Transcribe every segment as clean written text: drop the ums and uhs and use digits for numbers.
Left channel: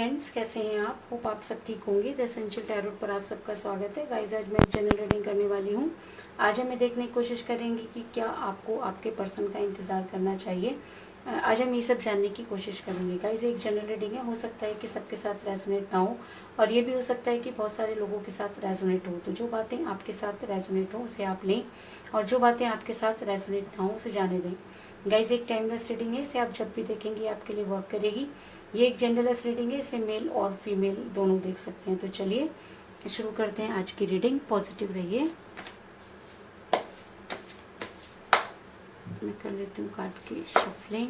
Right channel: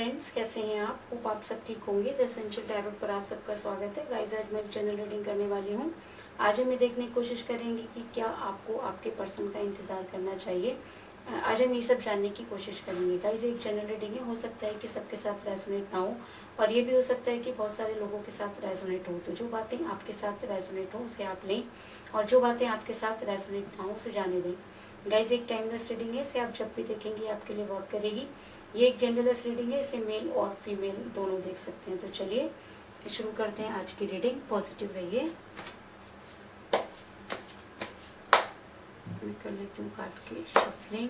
Friends, कैसे हैं आप? होप आप सब ठीक होंगे। द एसेंशियल टैरोट पर आप सबका स्वागत है। गाइस, आज मैं जनरल रीडिंग करने वाली हूँ। आज हमें देखने की कोशिश करेंगे कि क्या आपको आपके पर्सन का इंतजार करना चाहिए। आज हम ये सब जानने की कोशिश करेंगे। गाइस, एक जनरल रीडिंग है, हो सकता है कि सबके साथ रेजोनेट ना हो, और ये भी हो सकता है कि बहुत सारे लोगों के साथ रेजोनेट हो। तो जो बातें आपके साथ रेजोनेट हो उसे आप लें, और जो बातें आपके साथ रेजोनेट ना हो उसे जाने दें। गाइस, एक टाइमलेस रीडिंग है, इसे आप जब भी देखेंगे आपके लिए वर्क करेगी। ये एक जेंडरलेस रीडिंग है, इसे मेल और फीमेल दोनों देख सकते हैं। तो चलिए शुरू करते हैं आज की रीडिंग। पॉजिटिव रहिए। मैं कर लेती हूँ काट के शफलिंग।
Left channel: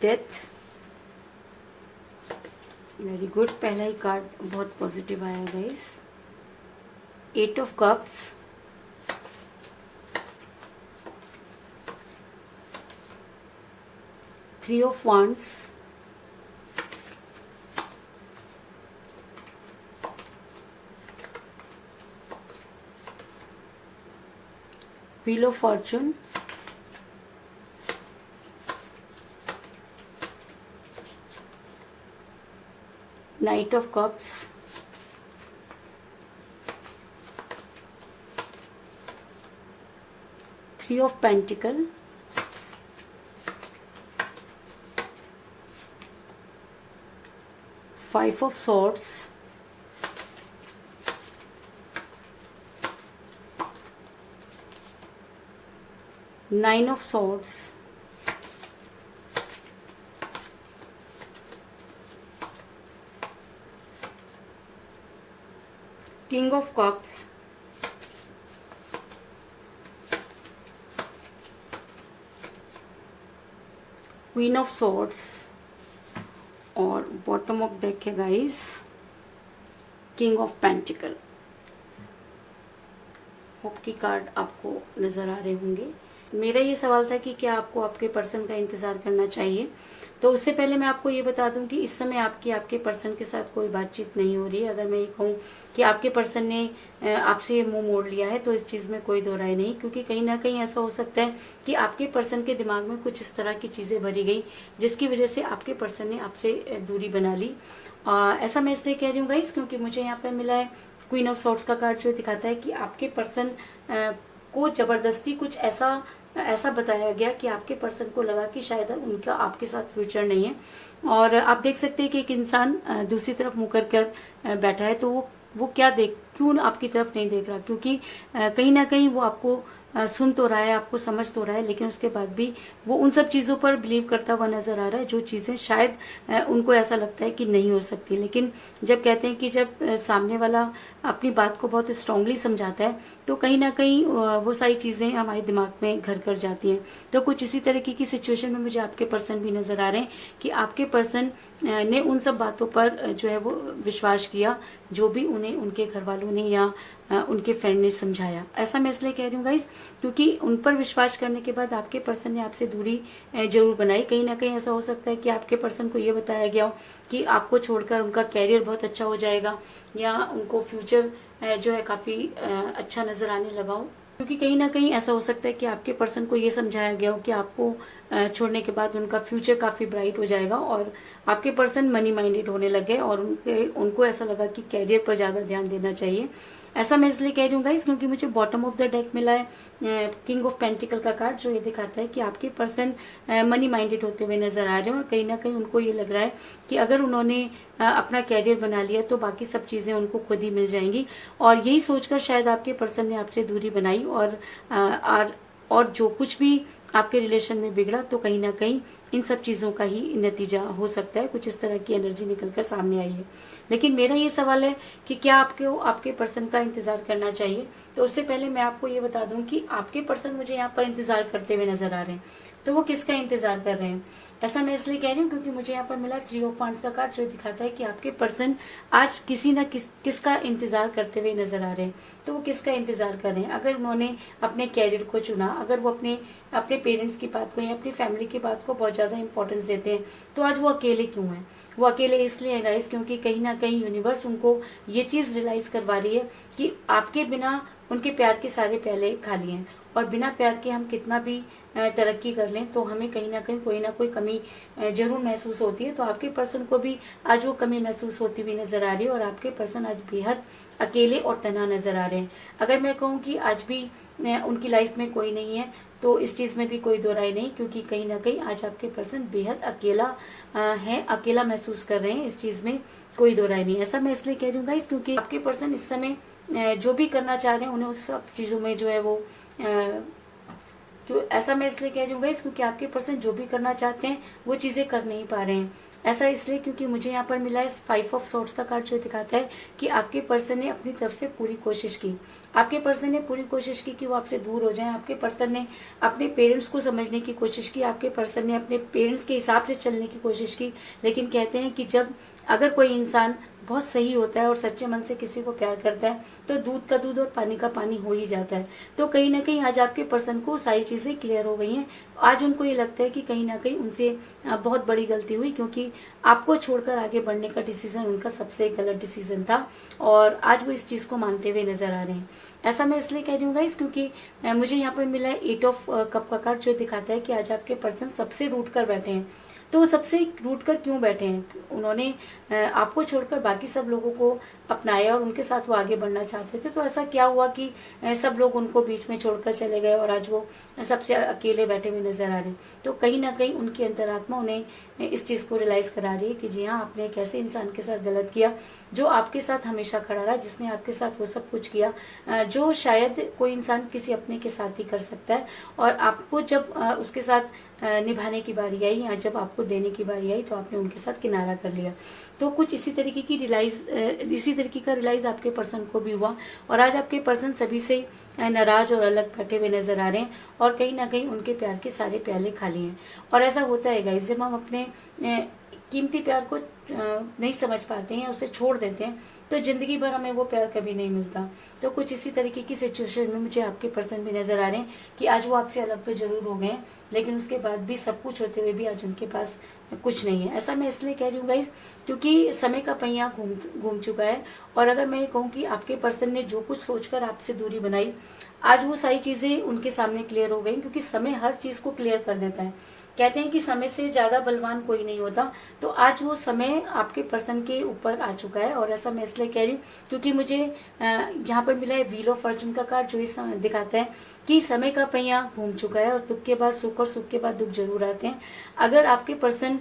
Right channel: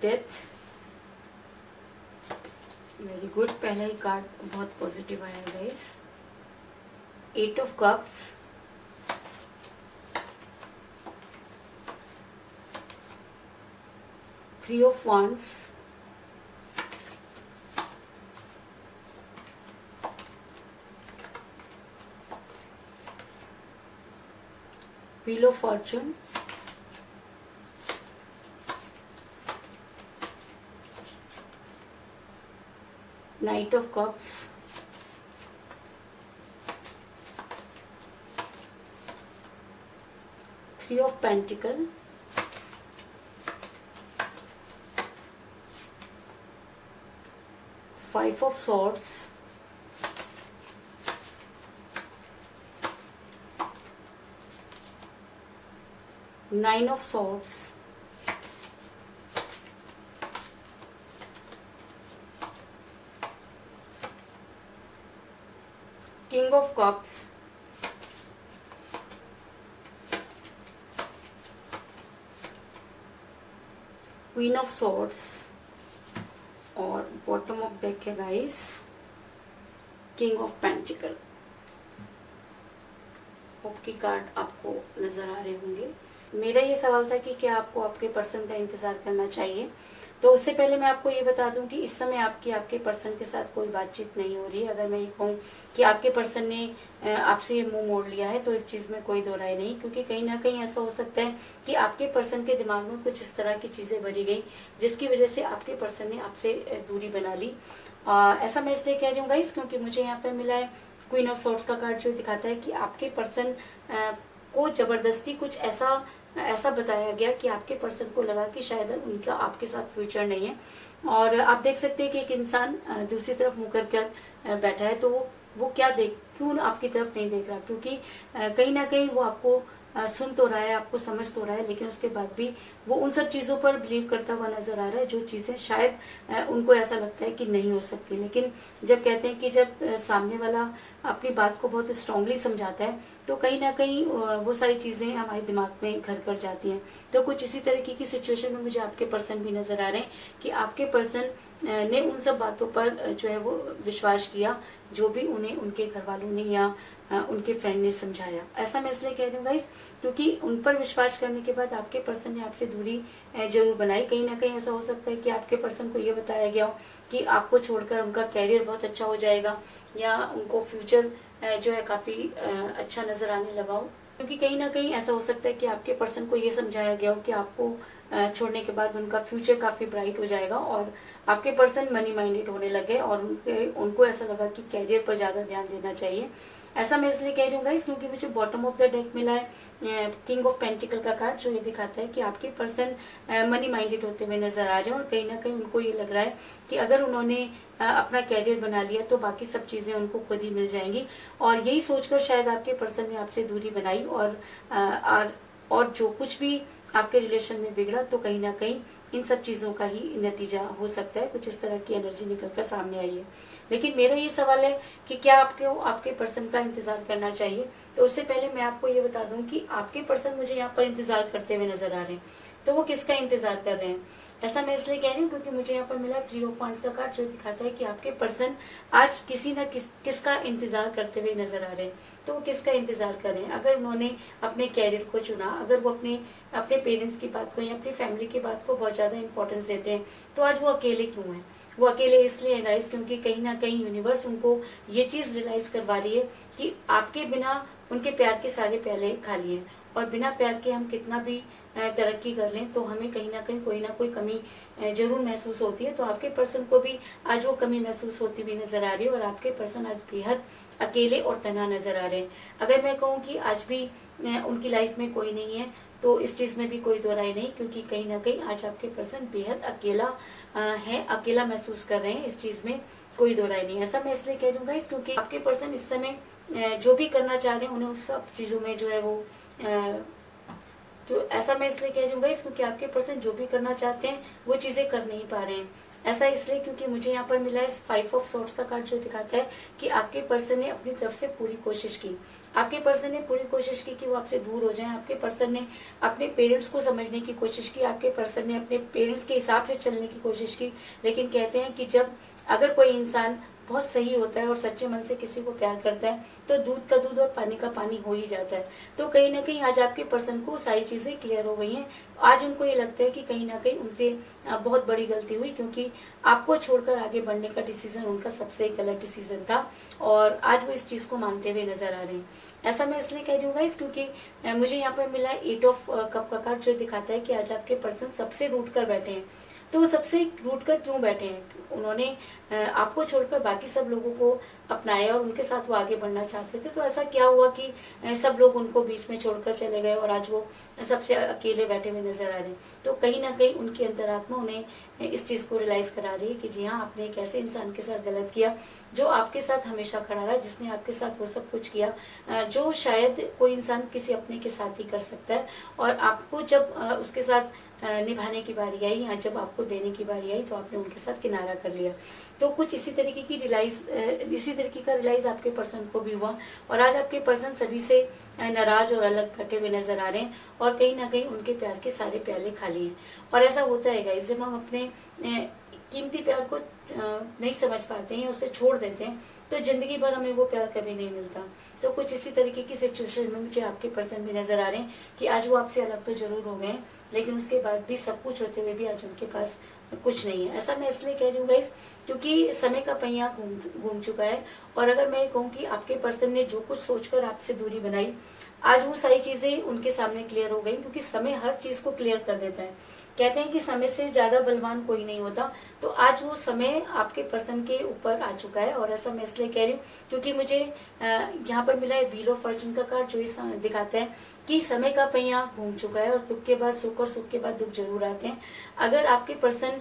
Death, very good. पहला ही कार्ड बहुत पॉजिटिव आया guys. 8 of cups, 3 of wands, 'wheel of Fortune, 'night of cups, 3 of pentacle, 5 of swords, 9 of swords, 'king of cups, 'queen of swords, और बॉटम ऑफ डेक है guys 'king of pentacle. Hope की card आपको नजर आ रहे होंगे। मेरा ये सवाल था कि क्या आपको आपके पर्सन का इंतजार करना चाहिए। तो उससे पहले मैं आपको ये बता दूं कि इस समय आपके पर्सन के साथ कोई बातचीत नहीं हो रही है। अगर मैं ये कहूँ कि आपके पर्सन ने आपसे मुंह मोड़ लिया है तो इस चीज में कोई दो राय नहीं, क्योंकि कहीं ना कहीं ऐसा हो सकता है कि आपके पर्सन के दिमाग में कुछ इस तरह की चीजें भरी गई जिसकी वजह से आपके पर्सन ने आपसे दूरी बना ली। ऐसा मैं इसलिए कह रही हूँ गाइस क्योंकि मुझे यहाँ पर मिला है क्वीन ऑफ सॉर्ड्स का कार्ड, जो दिखाता है कि आपके पर्सन को जबरदस्ती कुछ ऐसा बताया गया कि आपके पर्सन को लगा कि शायद उनका आपके साथ फ्यूचर नहीं है। और आप देख सकते हैं कि एक इंसान दूसरी तरफ मुंह कर बैठा है, तो वो क्यों आपकी तरफ नहीं देख रहा, क्योंकि कहीं ना कहीं वो आपको सुन तो रहा है, आपको समझ तो रहा है, लेकिन उसके बाद भी वो उन सब चीजों पर बिलीव करता हुआ नजर आ रहा है जो चीजें शायद उनको ऐसा लगता है कि नहीं हो सकती। लेकिन जब कहते हैं कि जब सामने वाला अपनी बात को बहुत स्ट्रांगली समझाता है तो कहीं ना कहीं वो सारी चीजें हमारे दिमाग में घर कर जाती हैं। तो कुछ इसी तरीके की सिचुएशन में मुझे आपके पर्सन भी नजर आ रहे हैं कि आपके पर्सन ने उन सब बातों पर जो है वो विश्वास किया जो भी उन्हें उनके घर वालों ने या उनके फ्रेंड ने समझाया। ऐसा मैं इसलिए कह रही हूँ गाइस क्योंकि उन पर विश्वास करने के बाद आपके पर्सन ने आपसे दूरी जरूर बनाई। कहीं ना कहीं ऐसा हो सकता है कि आपके पर्सन को ये बताया गया हो कि आपको छोड़कर उनका कैरियर बहुत अच्छा हो जाएगा, या उनको फ्यूचर जो है काफी अच्छा नजर आने लगा हो। क्योंकि कहीं ना कहीं ऐसा हो सकता है कि आपके पर्सन को ये समझाया गया हो कि आपको छोड़ने के बाद उनका फ्यूचर काफी ब्राइट हो जाएगा और आपके पर्सन मनी माइंडेड होने लगे और उनको ऐसा लगा कि कैरियर पर ज्यादा ध्यान देना चाहिए। ऐसा मैं इसलिए कह रही हूँ गाइस क्योंकि मुझे बॉटम ऑफ द डेक मिला है किंग ऑफ पेंटिकल का कार्ड, जो ये दिखाता है कि आपके पर्सन मनी माइंडेड होते हुए नजर आ रहे हैं और कहीं ना कहीं उनको ये लग रहा है कि अगर उन्होंने अपना कैरियर बना लिया तो बाकी सब चीजें उनको खुद ही मिल जाएंगी। और यही सोचकर शायद आपके पर्सन ने आपसे दूरी बनाई और जो कुछ भी आपके रिलेशन में बिगड़ा तो कहीं ना कहीं इन सब चीजों का ही नतीजा हो सकता है। कुछ इस तरह की एनर्जी निकलकर सामने आई है। लेकिन मेरा ये सवाल है कि क्या आपको आपके पर्सन का इंतजार करना चाहिए? तो उससे पहले मैं आपको ये बता दूं कि आपके पर्सन मुझे यहाँ पर इंतजार करते हुए नजर आ रहे हैं। तो वो किसका इंतजार कर रहे हैं? ऐसा मैं इसलिए कह रही हूँ क्योंकि मुझे यहाँ पर मिला 3 ऑफ वांड्स का कार्ड, जो दिखाता है कि आपके पर्सन आज किसी न किसका इंतजार करते हुए नजर आ रहे हैं। तो वो किसका इंतजार कर रहे हैं? अगर उन्होंने अपने कैरियर को चुना, अगर वो अपने पेरेंट्स की बात को या अपनी फैमिली की बात को बहुत ज्यादा इंपॉर्टेंस देते हैं, तो आज वो अकेले क्यों है? वो अकेले इसलिए है गाइस क्योंकि कहीं ना कहीं यूनिवर्स उनको ये चीज रियलाइज करवा रही है कि आपके बिना उनके प्यार के सारे प्याले खाली हैं और बिना प्यार के हम कितना भी तरक्की कर लें तो हमें कहीं ना कहीं कोई ना कोई कमी जरूर महसूस होती है। तो आपके पर्सन को भी आज वो कमी महसूस होती हुई नजर आ रही है और आपके पर्सन आज बेहद अकेले और तन्हा नजर आ रहे हैं। अगर मैं कहूँ कि आज भी उनकी लाइफ में कोई नहीं है तो इस चीज में भी कोई दो राय नहीं, क्योंकि कहीं ना कहीं आज आपके पर्सन बेहद अकेला है, अकेला महसूस कर रहे हैं। इस चीज में कोई दो राय नहीं। ऐसा मैं इसलिए कह रही हूँ गाइस क्योंकि आपके पर्सन इस समय जो भी करना चाह रहे हैं उन्हें उस सब चीजों में जो है वो तो ऐसा मैं इसलिए कह रही हूँ गाइस क्योंकि आपके पर्सन जो भी करना चाहते हैं वो चीजें कर नहीं पा रहे हैं। ऐसा इसलिए क्योंकि मुझे यहाँ पर मिला है 5 ऑफ सोर्ट्स का कार्ड, जो दिखाता है कि आपके पर्सन ने अपनी तरफ से पूरी कोशिश की। आपके पर्सन ने पूरी कोशिश की कि वो आपसे दूर हो जाएं। आपके पर्सन ने अपने पेरेंट्स को समझने की कोशिश की। आपके पर्सन ने अपने पेरेंट्स के हिसाब से चलने की कोशिश की। लेकिन कहते हैं कि जब अगर कोई इंसान बहुत सही होता है और सच्चे मन से किसी को प्यार करता है तो दूध का दूध और पानी का पानी हो ही जाता है। तो कहीं ना कहीं आज आपके पर्सन को सारी चीजें क्लियर हो गई हैं। आज उनको ये लगता है कि कहीं ना कहीं उनसे बहुत बड़ी गलती हुई, क्योंकि आपको छोड़कर आगे बढ़ने का डिसीजन उनका सबसे गलत डिसीजन था और आज वो इस चीज को मानते हुए नजर आ रहे हैं। ऐसा मैं इसलिए कह रही हूँ गाइस क्योंकि मुझे यहाँ पर मिला है 8 ऑफ कप का कार्ड, जो दिखाता है कि आज आपके पर्सन सबसे रूठ कर बैठे हैं। तो वो सबसे रूठ कर क्यों बैठे हैं? उन्होंने आपको छोड़कर बाकी सब लोगों को अपनाया और उनके साथ वो आगे बढ़ना चाहते थे। तो ऐसा क्या हुआ कि सब लोग उनको बीच में छोड़कर चले गए और आज वो सबसे अकेले बैठे हुए नजर आ रहे हैं। तो कहीं ना कहीं उनकी अंतरात्मा उन्हें इस चीज को रियलाइज करा रही है कि जी हाँ, आपने एक ऐसे इंसान के साथ गलत किया जो आपके साथ हमेशा खड़ा रहा, जिसने आपके साथ वो सब कुछ किया जो शायद कोई इंसान किसी अपने के साथ ही कर सकता है। और आपको जब उसके साथ निभाने की बारी आई या जब आपको देने की बारी आई तो आपने उनके साथ किनारा कर लिया। तो कुछ इसी तरीके का रियलाइज आपके पर्सन को भी हुआ और आज आपके पर्सन सभी से नाराज और अलग बैठे हुए नजर आ रहे हैं और कहीं ना कहीं उनके प्यार के सारे प्याले खाली हैं। और ऐसा होता है गाइस, जब हम अपने कीमती प्यार को नहीं समझ पाते हैं, उसे छोड़ देते हैं, तो जिंदगी भर हमें वो प्यार कभी नहीं मिलता। तो कुछ इसी तरीके की सिचुएशन में मुझे आपके पर्सन भी नजर आ रहे हैं कि आज वो आपसे अलग तो जरूर हो गए, लेकिन उसके बाद भी सब कुछ होते हुए भी आज उनके पास कुछ नहीं है। ऐसा मैं इसलिए कह रही हूँ गाइस क्योंकि समय का पहिया घूम चुका है। और अगर मैं कहूँ कि आपके पर्सन ने जो कुछ सोचकर आपसे दूरी बनाई, आज वो सारी चीजें उनके सामने क्लियर हो गई, क्योंकि समय हर चीज को क्लियर कर देता है। कहते हैं कि समय से ज्यादा बलवान कोई नहीं होता। तो आज वो समय आपके पर्सन के ऊपर आ चुका है। और ऐसा मैं इसलिए कह रही हूँ क्योंकि मुझे यहाँ पर मिला है व्हील ऑफ फॉर्चून का कार्ड, जो इस दिखाता है कि समय का पहिया घूम चुका है और दुख के बाद सुख और सुख के बाद दुख जरूर आते हैं। अगर आपके पर्सन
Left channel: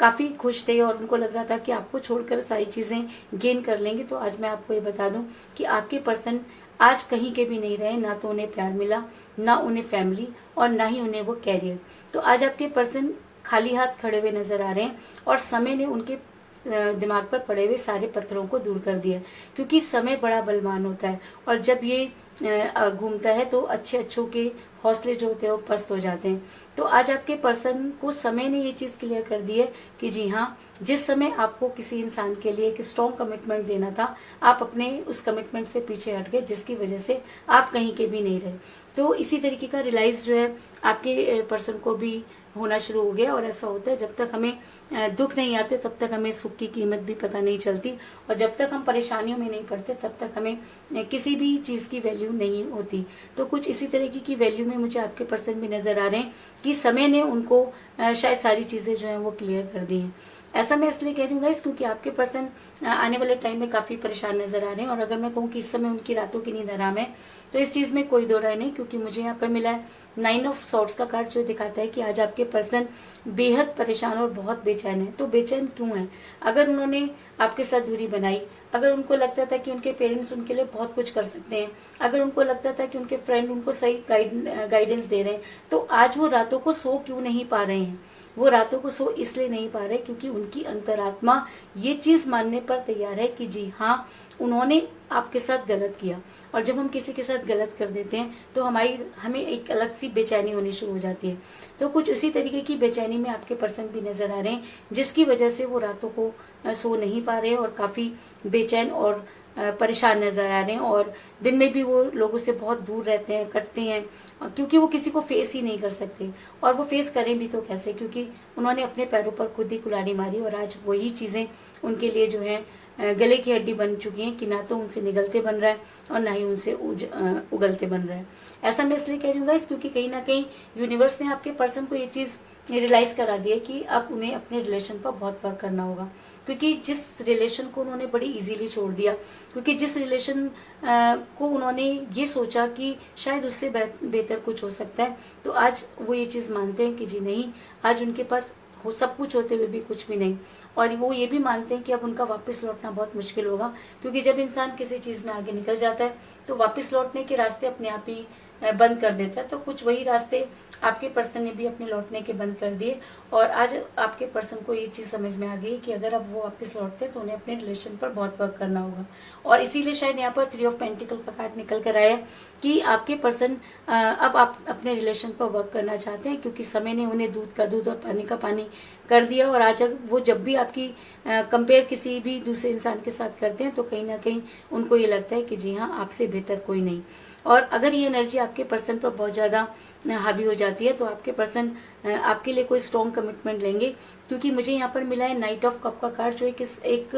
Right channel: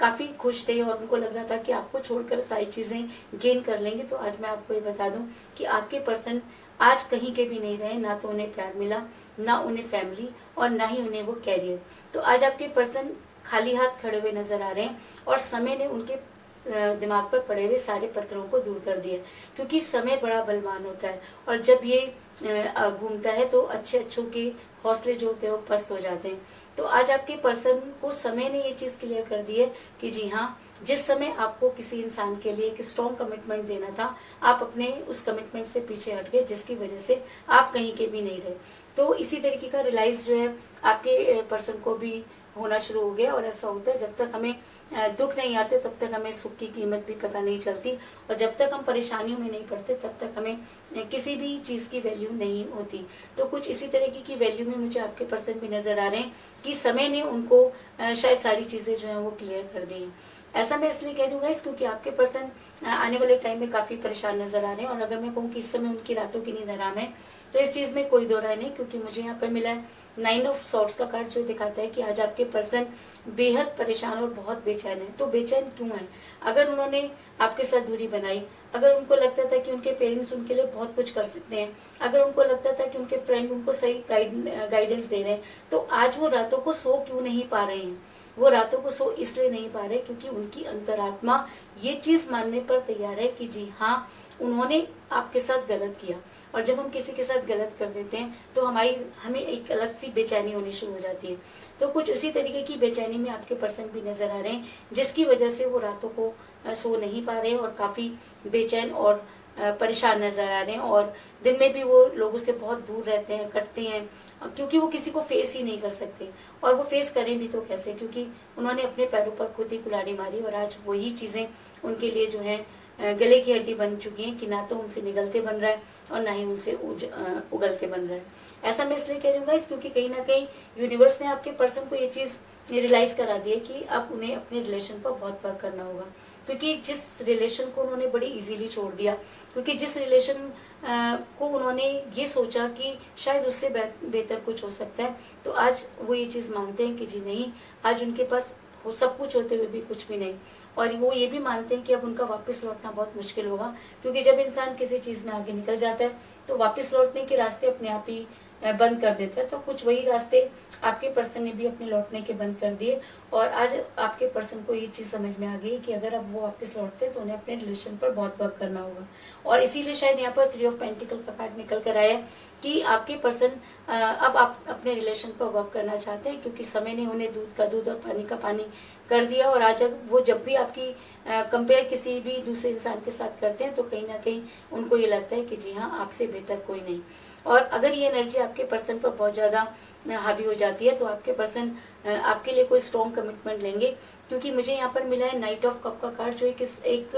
काफी खुश थे और उनको लग रहा था कि आपको छोड़कर सारी चीजें गेन कर लेंगे, तो आज मैं आपको ये बता दूं कि आपके पर्सन आज कहीं के भी नहीं रहे। ना तो उन्हें प्यार मिला, ना उन्हें फैमिली और ना ही उन्हें वो कैरियर। तो आज आपके पर्सन खाली हाथ खड़े हुए नजर आ रहे हैं और समय ने उनके दिमाग पर पड़े हुए सारे पत्थरों को दूर कर दिया, क्योंकि समय बड़ा बलवान होता है और जब ये घूमता है तो अच्छों के हौसले जो होते हैं वो पस्त हो जाते हैं। तो आज आपके पर्सन को समय ने ये चीज क्लियर कर दी है कि जी हाँ, जिस समय आपको किसी इंसान के लिए एक स्ट्रॉन्ग कमिटमेंट देना था, आप अपने उस कमिटमेंट से पीछे हट गए, जिसकी वजह से आप कहीं के भी नहीं रहे। तो इसी तरीके का रियलाइज जो है आपके पर्सन को भी होना शुरू हो गया। और ऐसा होता है जब तक हमें दुख नहीं आते तब तक हमें सुख की कीमत भी पता नहीं चलती, और जब तक हम परेशानियों में नहीं पड़ते तब तक हमें किसी भी चीज की वैल्यू नहीं होती। तो कुछ इसी तरीके की वैल्यू में मुझे आपके पर्सन भी नजर आ रहे हैं कि समय ने उनको शायद सारी चीजें जो है वो क्लियर कर दी हैं। ऐसा मैं इसलिए कह रही हूँ गाइस क्योंकि आपके पर्सन आने वाले टाइम में काफी परेशान नजर आ रहे हैं। और अगर मैं कहूँ कि इस समय उनकी रातों की नींद हराम है तो इस चीज में कोई दो राय नहीं, क्योंकि मुझे यहाँ पर मिला है 9 ऑफ सॉर्ड्स का कार्ड, जो दिखाता है कि आज आपके पर्सन बेहद परेशान और बहुत बेचैन है। तो बेचैन क्यों है? अगर उन्होंने आपके साथ दूरी बनाई, अगर उनको लगता था कि उनके पेरेंट्स उनके लिए बहुत कुछ कर सकते हैं, अगर उनको लगता था कि उनके फ्रेंड उनको सही गाइडेंस दे रहे हैं, तो आज वो रातों को सो क्यों नहीं पा रहे हैं? वो रातों को सो इसलिए नहीं पा रहे क्योंकि उनकी अंतरात्मा ये चीज मानने पर तैयार है कि जी हाँ, उन्होंने आपके साथ गलत किया। और जब हम किसी के साथ गलत कर देते हैं तो हमें एक अलग सी बेचैनी होनी शुरू हो जाती है। तो कुछ उसी तरीके की बेचैनी में आपके पर्सन भी नजर आ रहे हैं, जिसकी वजह से वो रातों को सो नहीं पा रहे और काफी बेचैन और परेशान नजर आ रहे हैं। और दिन में भी वो लोगों से बहुत दूर रहते हैं, कटते हैं, क्योंकि वो किसी को फेस ही नहीं कर सकते। और वो फेस करें भी तो कैसे, क्योंकि उन्होंने अपने पैरों पर खुद ही कुल्हाड़ी मारी और आज वही चीजें उनके लिए जो है गले की हड्डी बन चुकी हैं कि ना तो उनसे निगलते बन रहा है और ना ही उनसे उगलते बन रहा है। ऐसा मैं इसलिए कह रही हूँ गाइस क्योंकि कहीं ना कहीं यूनिवर्स ने आपके पर्सन को ये चीज रियलाइज करा दी है कि अब उन्हें अपने रिलेशन पर बहुत वर्क करना होगा। क्योंकि जिस रिलेशन को उन्होंने बड़ी इजीली छोड़ दिया, क्योंकि जिस रिलेशन को उन्होंने ये सोचा कि शायद उससे बेहतर कुछ हो सकता है, तो आज वो ये चीज मानते हैं कि जी नहीं, आज उनके पास वो सब कुछ होते हुए भी कुछ भी नहीं। और वो ये भी मानते हैं कि अब उनका वापस लौटना बहुत मुश्किल होगा, क्योंकि जब इंसान किसी चीज में आगे निकल जाता है तो वापस लौटने के रास्ते अपने आप ही बंद कर देता है। तो कुछ वही रास्ते आपके पर्सन ने भी अपने लौटने के बंद कर दिए। और आज आपके पर्सन को ये चीज समझ में आ गई कि अगर अब वो वापस लौटते हैं तो उन्हें अपने रिलेशन पर बहुत वर्क करना होगा। और इसीलिए शायद यहाँ पर 3 ऑफ पेंटिकल का कार्ड निकल कर आया कि आपके पर्सन अब आप अपने रिलेशन पर वर्क करना चाहते हैं, क्योंकि समय ने उन्हें दूध का दूध और पानी का पानी कर दिया। और आज वो जब भी आपकी कंपेयर किसी भी दूसरे इंसान के साथ करते हैं तो कहीं ना कहीं उनको ये लगता है कि जी हाँ, आपसे बेहतर कोई नहीं। और अगर ये एनर्जी आपके पर्सन पर बहुत ज्यादा हावी हो जाती है तो आपके पर्सन आपके लिए कोई स्ट्रॉन्ग कमिटमेंट लेंगे, क्योंकि मुझे यहाँ पर मिला है नाइट ऑफ कप का कार्ड, जो एक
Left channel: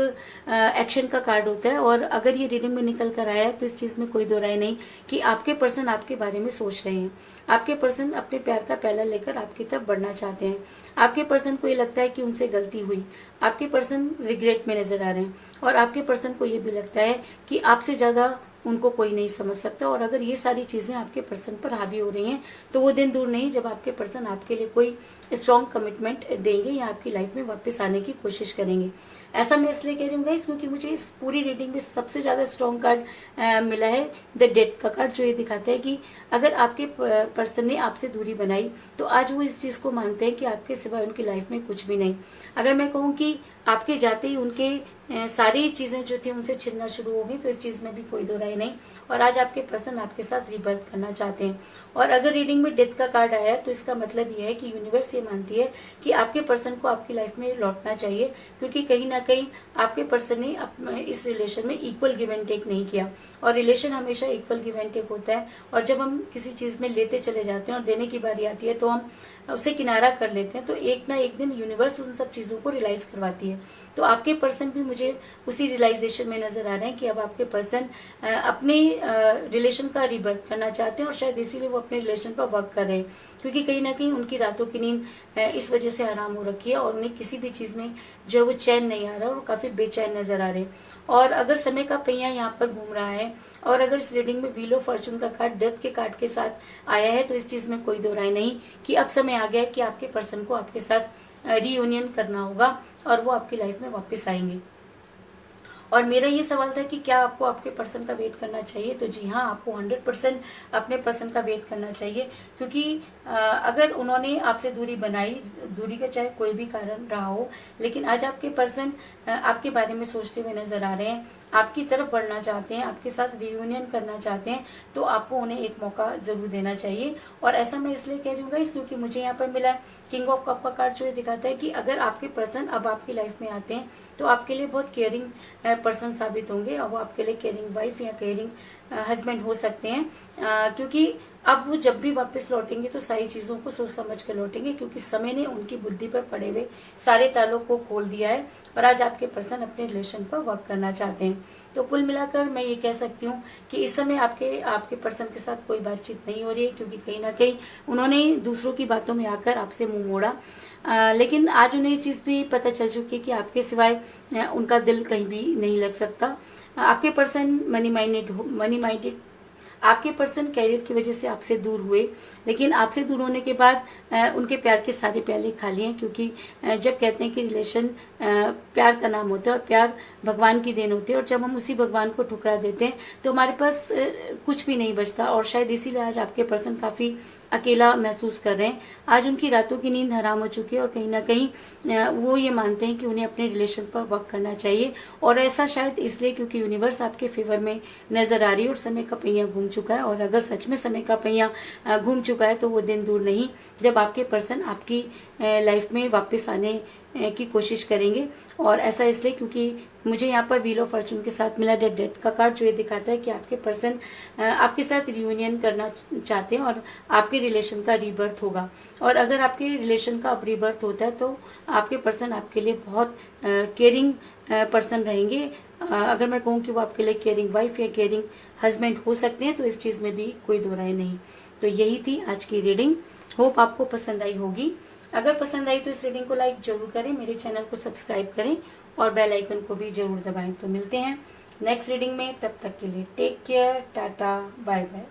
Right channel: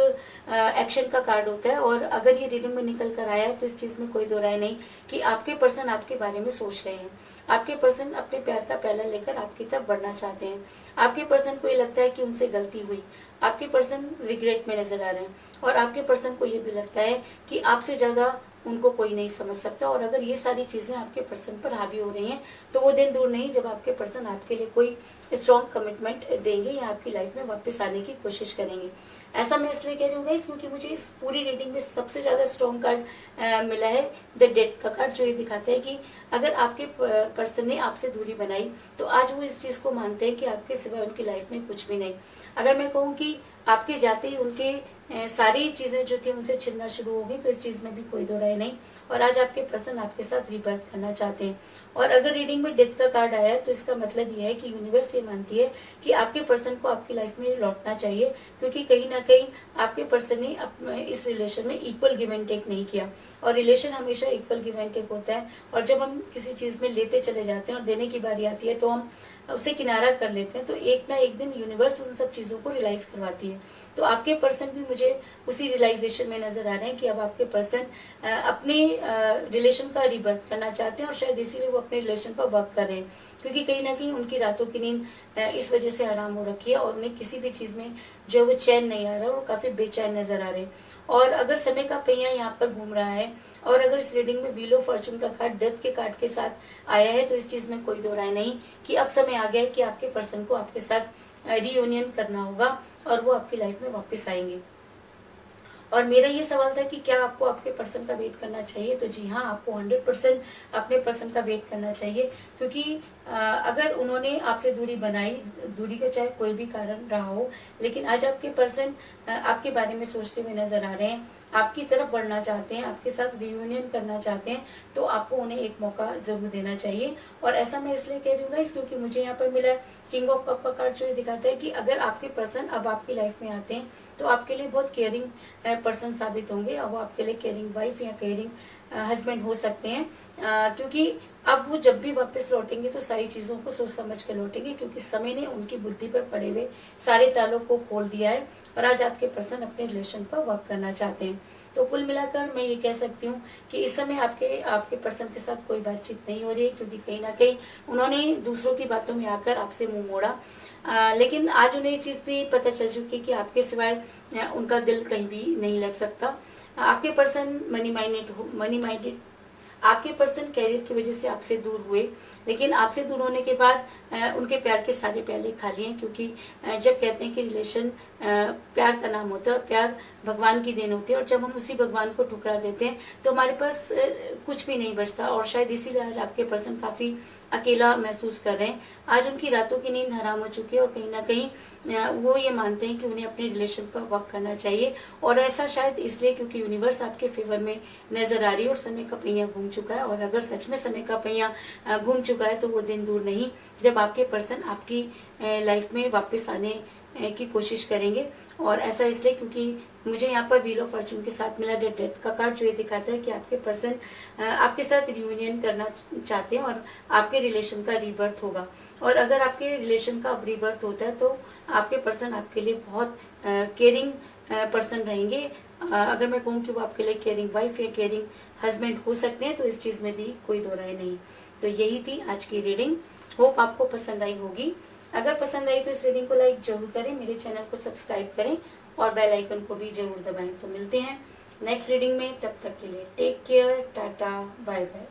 एक्शन का कार्ड होता है। और अगर ये रीडिंग में निकल कर आया है तो इस चीज में कोई दो राय नहीं कि आपके पर्सन आपके बारे में सोच रहे हैं। आपके पर्सन अपने प्यार का प्याला लेकर आपकी तरफ बढ़ना चाहते हैं। आपके पर्सन को ये लगता है कि उनसे गलती हुई, आपके पर्सन रिग्रेट में नजर आ रहे हैं। और आपके पर्सन को ये भी लगता है कि आपसे ज्यादा उनको कोई नहीं समझ सकता। और अगर ये सारी चीजें आपके पर्सन पर हावी हो रही हैं तो वो दिन दूर नहीं जब आपके पर्सन आपके लिए कोई स्ट्रॉन्ग कमिटमेंट देंगे या आपकी लाइफ में वापस आने की कोशिश करेंगे। ऐसा मैं इसलिए कह रही हूँ गाइस क्योंकि मुझे इस पूरी रीडिंग में सबसे ज्यादा स्ट्रॉन्ग कार्ड मिला है द डेथ का कार्ड, जो ये दिखाता है कि अगर आपके पर्सन ने आपसे दूरी बनाई तो आज वो इस चीज को मानते हैं कि आपके सिवाय उनकी लाइफ में कुछ भी नहीं। अगर मैं कहूँ कि आपके जाते ही उनके सारी चीजें जो थी उनसे छिड़ना शुरू होगी तो इस चीज में भी कोई दो राय नहीं। और आज आपके पर्सन आपके साथ रीबर्थ करना चाहते हैं। और अगर रीडिंग में डेथ का कार्ड आया है तो इसका मतलब यह है कि यूनिवर्स ये मानती है कि आपके पर्सन को आपकी लाइफ में लौटना चाहिए, क्योंकि कहीं ना कहीं आपके पर्सन ने इस रिलेशन में इक्वल गिव एंड टेक नहीं किया। और रिलेशन हमेशा इक्वल गिव एंड टेक होता है। और जब हम किसी चीज में लेते चले जाते हैं और देने की बारी आती है तो हम उसे किनारा कर लेते हैं, तो एक ना एक दिन यूनिवर्स उन सब चीजों को रियलाइज करवाती है। तो आपके पर्सन भी मुझे उसी रियलाइजेशन में नजर आ रहे हैं कि अब आपके पर्सन अपने रिलेशन का रिबर्थ करना चाहते हैं और शायद इसीलिए वो अपने रिलेशन पर वर्क कर रहे हैं, क्योंकि कहीं ना कहीं उनकी रातों की नींद इस वजह से हराम हो रखी है और उन्हें किसी भी चीज में जो है वो चैन नहीं आ रहा और काफी बेचैन नजर आ रहे हैं। और अगर समय का पहिया यहाँ पर घूम रहा है और अगर इस रीडिंग में व्हील ऑफ फॉर्चून का कार्ड डेथ के कार्ड के साथ आया है तो इस चीज में कोई दो राय नहीं कि अब समय आ गया है कि आपके पर्सन को आपके साथ रियूनियन करना होगा और वो आपकी लाइफ में वापस आएंगे। और मेरा ये सवाल था कि क्या आपको आपके पर्सन का वेट करना चाहिए, तो जी हाँ, आपको 100% अपने पर्सन का वेट करना चाहिए, क्योंकि अगर उन्होंने आपसे दूरी बनाई, दूरी का चाहे कोई भी कारण रहा हो, लेकिन आज आपके पर्सन आपके बारे में सोचते हुए नजर आ रहे हैं, आपकी तरफ बढ़ना चाहते हैं, आपके साथ रियूनियन करना चाहते हैं, तो आपको उन्हें एक मौका जरूर देना चाहिए। और ऐसा मैं इसलिए कह रही हूँ गाइस क्योंकि मुझे यहाँ पर मिला है किंग ऑफ कप का कार्ड, जो ये दिखाता है कि अगर आपके पर्सन अब आपकी लाइफ में आते हैं तो आपके लिए बहुत केयरिंग पर्सन साबित होंगे और वो आपके लिए केयरिंग वाइफ या केयरिंग हस्बैंड हो सकते हैं, क्योंकि अब वो जब भी वापस लौटेंगे तो सारी चीजों को सोच समझ के लौटेंगे, क्योंकि समय ने उनकी बुद्धि पर पड़े हुए सारे तालों को खोल दिया है और आज आपके पर्सन अपने रिलेशन पर वर्क करना चाहते हैं। तो कुल मिलाकर मैं ये कह सकती हूँ कि इस समय आपके पर्सन के साथ कोई बातचीत नहीं हो रही है, क्योंकि कहीं ना कहीं उन्होंने दूसरों की बातों में आकर आपसे मुंह मोड़ा। लेकिन आज उन्हें ये चीज भी पता चल चुकी है कि आपके सिवाय उनका दिल कहीं भी नहीं लग सकता। आपके पर्सन मनी माइंडेड आपके पर्सन कैरियर की वजह से आपसे दूर हुए, लेकिन आपसे दूर होने के बाद उनके प्यार के सारे प्याले खाली हैं, क्योंकि जब कहते हैं कि रिलेशन प्यार का नाम होता है और प्यार भगवान की देन होती है, और जब हम उसी भगवान को ठुकरा देते हैं तो हमारे पास कुछ भी नहीं बचता। और शायद इसीलिए आज आपके पर्सन काफी अकेला महसूस कर रहे हैं। आज उनकी रातों की नींद हराम हो चुकी है और कहीं ना कहीं वो ये मानते हैं कि उन्हें अपने रिलेशन पर वर्क करना चाहिए, और ऐसा शायद इसलिए क्योंकि यूनिवर्स आपके फेवर में नजर आ रही है और समय का पहिया घूम चुका है। और अगर सच में समय का पहिया घूम चुका है तो वो दिन दूर नहीं जब आपके पर्सन आपकी लाइफ में वापस आने की कोशिश करेंगे। और ऐसा इसलिए क्योंकि मुझे यहाँ पर व्हील ऑफ फॉर्चून के साथ मिला डेथ का कार्ड, जो ये दिखाता है कि आपके पर्सन आपके साथ रियूनियन करना चाहते हैं और आपके रिलेशन का रीबर्थ होगा। और अगर आपके रिलेशन का अब रीबर्थ होता है तो आपके पर्सन आपके लिए बहुत केयरिंग पर्सन रहेंगे। अगर मैं कहूँ कि वो आपके लिए केयरिंग वाइफ या केयरिंग हस्बैंड हो सकते हैं तो इस चीज में भी कोई दो राय नहीं। तो यही थी आज की रीडिंग, होप आपको पसंद आई होगी। अगर पसंद आई तो इस रीडिंग को लाइक जरूर करें, मेरे चैनल को सब्सक्राइब करें और बेल आइकन को भी जरूर दबाएं। तो मिलते हैं नेक्स्ट रीडिंग में, तब तक के लिए take care, tata, bye bye.